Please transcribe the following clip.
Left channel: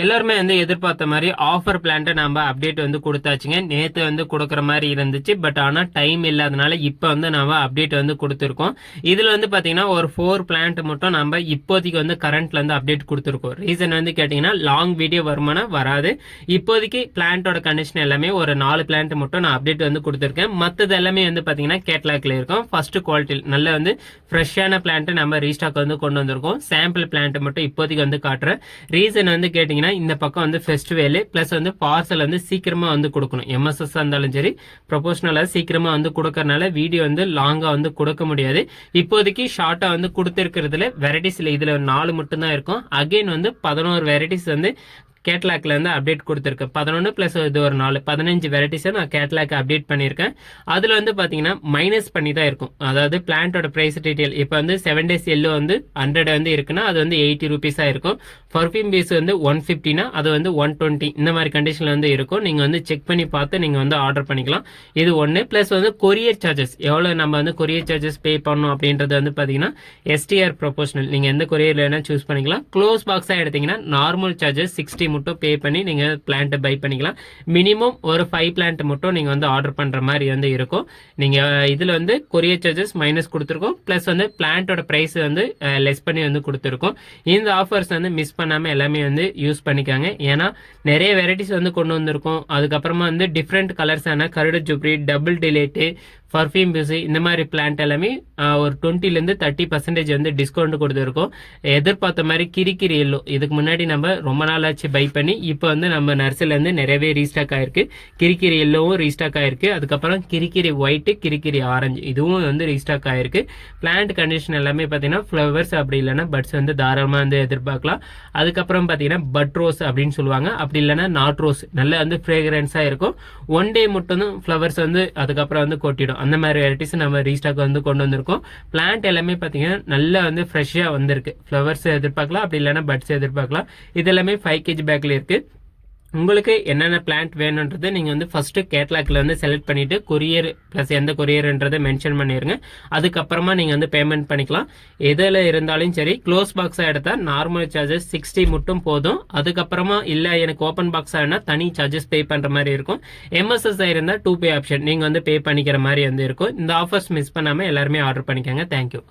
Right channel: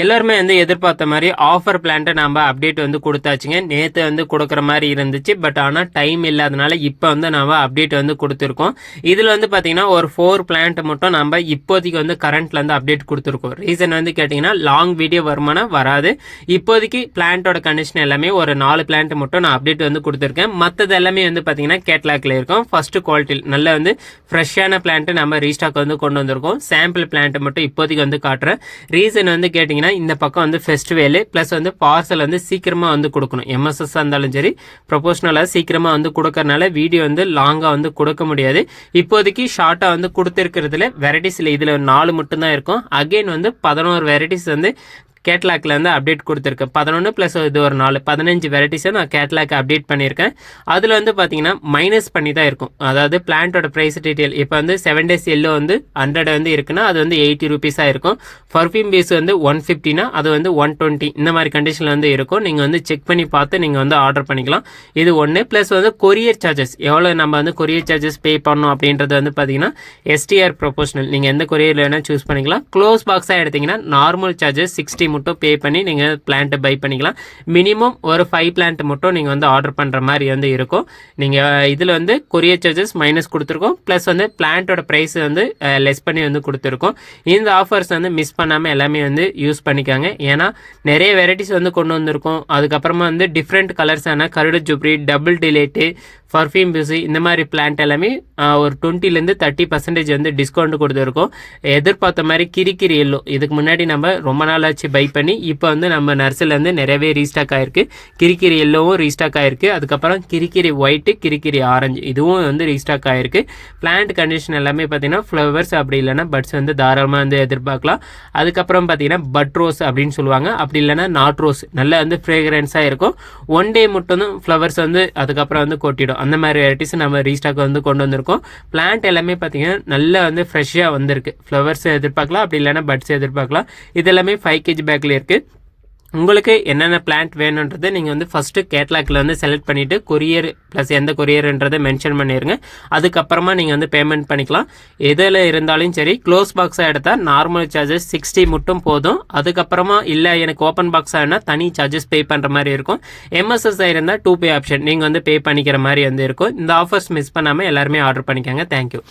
எல்லாருமே வந்து எதிர்பார்த்த மாதிரி ஆஃபர் பிளான்ட்டை நம்ம அப்டேட் வந்து கொடுத்தாச்சுங்க. நேற்று வந்து கொடுக்குற மாதிரி இருந்துச்சு. பட் ஆனால் டைம் இல்லாதனால இப்போ வந்து நம்ம அப்டேட் வந்து கொடுத்துருக்கோம். இதில் வந்து பார்த்தீங்கன்னா ஒரு ஃபோர் பிளான்ட் மட்டும் நம்ம இப்போதைக்கு வந்து கரண்ட்ல வந்து அப்டேட் கொடுத்துருக்கோம். ரீசன் வந்து கேட்டிங்கன்னா லாங் வீடியோ வருமானம் வராது. இப்போதைக்கு பிளான்ட்டோட கண்டிஷன் எல்லாமே ஒரு நாலு பிளான்ட் மட்டும் நான் அப்டேட் வந்து கொடுத்துருக்கேன். மற்றது எல்லாமே வந்து பார்த்தீங்கன்னா கேட்லாக்ல இருக்கும். ஃபர்ஸ்ட் குவாலிட்டி நல்ல வந்து ஃப்ரெஷ்ஷான பிளான்ட் நம்ம ரீஸ்டாக் வந்து கொண்டு வந்திருக்கோம். சாம்பிள் பிளான்ட் மட்டும் இப்போதைக்கு வந்து காட்டுறேன். ரீசன் வந்து கேட்டிங்கன்னா இந்த பக்கம் வந்து ஃபெஸ்டிவேலு ப்ளஸ் வந்து பார்சல் வந்து சீக்கிரமாக வந்து கொடுக்கணும். எம்எஸ்எஸ் இருந்தாலும் சரி ப்ரொபோஷனலாக சீக்கிரமாக வந்து கொடுக்கறனால வீடியோ வந்து லாங்காக வந்து கொடுக்க முடியாது. இப்போதைக்கு ஷார்ட்டாக வந்து கொடுத்துருக்கிறதுல வெரைட்டிஸில் இதில் நாலு மட்டும்தான் இருக்கும். அகைன் வந்து பதினோரு வெரைட்டிஸ் வந்து கேட்லாக்லேருந்து அப்டேட் கொடுத்துருக்கேன். பதினொன்று ப்ளஸ் இது ஒரு நாலு பதினஞ்சு வெரைட்டிஸை நான் கேட்லாக் அப்டேட் பண்ணியிருக்கேன். அதில் வந்து பார்த்தீங்கன்னா மைனஸ் பண்ணி தான் இருக்கும். அதாவது பிளான்ட்டோட ப்ரைஸ் டீட்டெயில் இப்போ வந்து செவன் டேஸ் எல்லோ வந்து ஹண்ட்ரட் வந்து இருக்குன்னா அது வந்து எயிட்டி ருபீஸாக இருக்கும். பர்ஃப்யூம் பீஸ் வந்து ஒன் ஃபிஃப்டினா அது வந்து ஒன் டுவெண்ட்டி இந்த மாதிரி கண்டிஷனில் வந்து இருக்கும். நீங்கள் வந்து செக் பண்ணி பார்த்து நீங்கள் வந்து ஆர்டர் பண்ணிக்கலாம். இது ஒன்று ப்ளஸ் வந்து கொரியர் சார்ஜஸ் எவ்வளோ நம்ம வந்து கொரியர் சார்ஜஸ் பே பண்ணணும் அப்படின்றது வந்து பார்த்தீங்கன்னா எஸ்டிஆர் ப்ரொபோஷனல் நீங்கள் எந்த கொரியரில் வேணால் சூஸ் பண்ணிக்கலாம். க்ளோஸ் பாக்ஸாக எடுத்தீங்கன்னா நார்மல் சார்ஜஸ் சிக்ஸ்டி மட்டும் பே பண்ணி நீங்கள் பிளான்ட்டை பை பண்ணிக்கலாம். மினிமம் ஒரு ஃபைவ் பிளான்ட் மட்டும் நீங்கள் வந்து ஆர்டர் பண்ணுற மாதிரி வந்து இருக்கும். நீங்கள் இதில் வந்து கொரியர் சார்ஜஸ் மைனஸ் கொடுத்துருக்கோம். ப்ளஸ் வந்து பிளான்ட்டோட ப்ரைஸ் வந்து லெஸ் பண்ணி வந்து கொடுத்துருக்கோம். இந்த ஆஃபர்ஸ் வந்து மிஸ் பண்ணாமல் எல்லாமே வந்து யூஸ் பண்ணிக்காங்க. ஏன்னா நிறைய வெரைட்டிஸ் வந்து கொண்டு வந்திருக்கோம். அதுக்கப்புறமா வந்து டிஃப்ரெண்ட் கலர்ஸான கருடு ஜுப்ரி டபுள் டிலேட்டு பர்ஃப்யூம் பியூசி இந்த மாதிரி பிளான்ட் எல்லாமே ஒரு டுவெண்ட்டிலேருந்து தேர்ட்டி பர்சன்டேஜ் வந்து டிஸ்கவுண்ட் கொடுத்துருக்கோம். எதிர்பார்த்த மாதிரி கிரிக்கிரி எல்லோ இதுக்கு முன்னாடி நம்ம ரொம்ப நாள் ஆச்சு பை பண்ணி இப்போ வந்து நம்ம நர்சரிலேருந்து நிறையவே ரீஸ்டாக் ஆயிருக்கு. கிரிக்கிரி எல்லோவும் ரீஸ்டாக் ஆயிருக்கு. அதுக்கப்புறம் கிரிக்கிரி ஒயிட்டு கிரிக்கிரி ஆரஞ்சு இதுவும் வந்து ரீஸ்டாக் ஆயிருக்கு. பிளான்ட் கண்டிஷன் எல்லாமே பார்த்தீங்கன்னா ஃப்ளவர்ஸ் அப்படி இல்லைன்னா பட்ஸ் வந்து தாராளமாக வந்து எதிர்பார்க்கலாம். அதுக்கப்புறம் பார்த்தீங்கன்னா பட் ரோஸ் அப்படின்னு சொல்லுவாங்க. அப்படி இல்லைன்னா நாட் ரோஸ் நல்லா வந்து ஃப்ரேக்ரன்ஸாக இருக்கும். ஒன் டே மட்டும் தான் ஃப்ளவர்ஸ் வந்து அதுக்கப்புறம் வந்து கொட்டிடும். அந்த மாதிரி வெரைட்டிஸ் நம்ம ரீஸ்டாக் வந்து கொண்டு வந்திருக்கோம். பிளான்ட் எல்லாமே பார்த்தீங்கன்னா நல்லா வந்து ஃப்ரெஷ்ஷாக வந்திருக்கு. ஃப்ளவர்ஸ் எதிர்பார்க்கலாம் அப்படி இல்லைன்னா பட்ஸ் எதிர்பார்க்கலாம். இது எல்லாமே ஃபைவ் கேஜி பேக்கில் இருக்குது உங்களுக்கு என்னென்ன பிளான்ட் வேணுன்றதை நீங்கள் வந்து ஃபஸ்ட்டு கேட்லாக்ல வந்து செலக்ட் பண்ணிவிட்டு கொரியர் ப்ளஸ் எந்த கொரியர்ன்றதை மென்ஷன் பண்ணிடுங்க அதுக்கப்புறமா நீங்கள் வந்து பேமெண்ட் பண்ணிக்கலாம். எதில் இருந்தாலும் சரி க்ளோஸ் பாக்ஸாக எடுத்தால் நார்மல் சார்ஜஸ் சிக்ஸ்டி மட்டும் போதும். அதுக்கப்புறமா இல்லை எனக்கு ஓப்பன் பாக்ஸாக இருந்தால் தனி சார்ஜஸ் பே பண்ணுற மாதிரி இருக்கும். எம்எஸ்எஸ் இருந்தால் டூ பே ஆப்ஷன் நீங்கள் வந்து பே பண்ணிக்கிற மாதிரி வந்து இருக்கும். இந்த ஆஃபர்ஸ் மிஸ் பண்ணாமல் எல்லாருமே ஆர்டர் பண்ணிக்கோங்க. தேங்க்யூ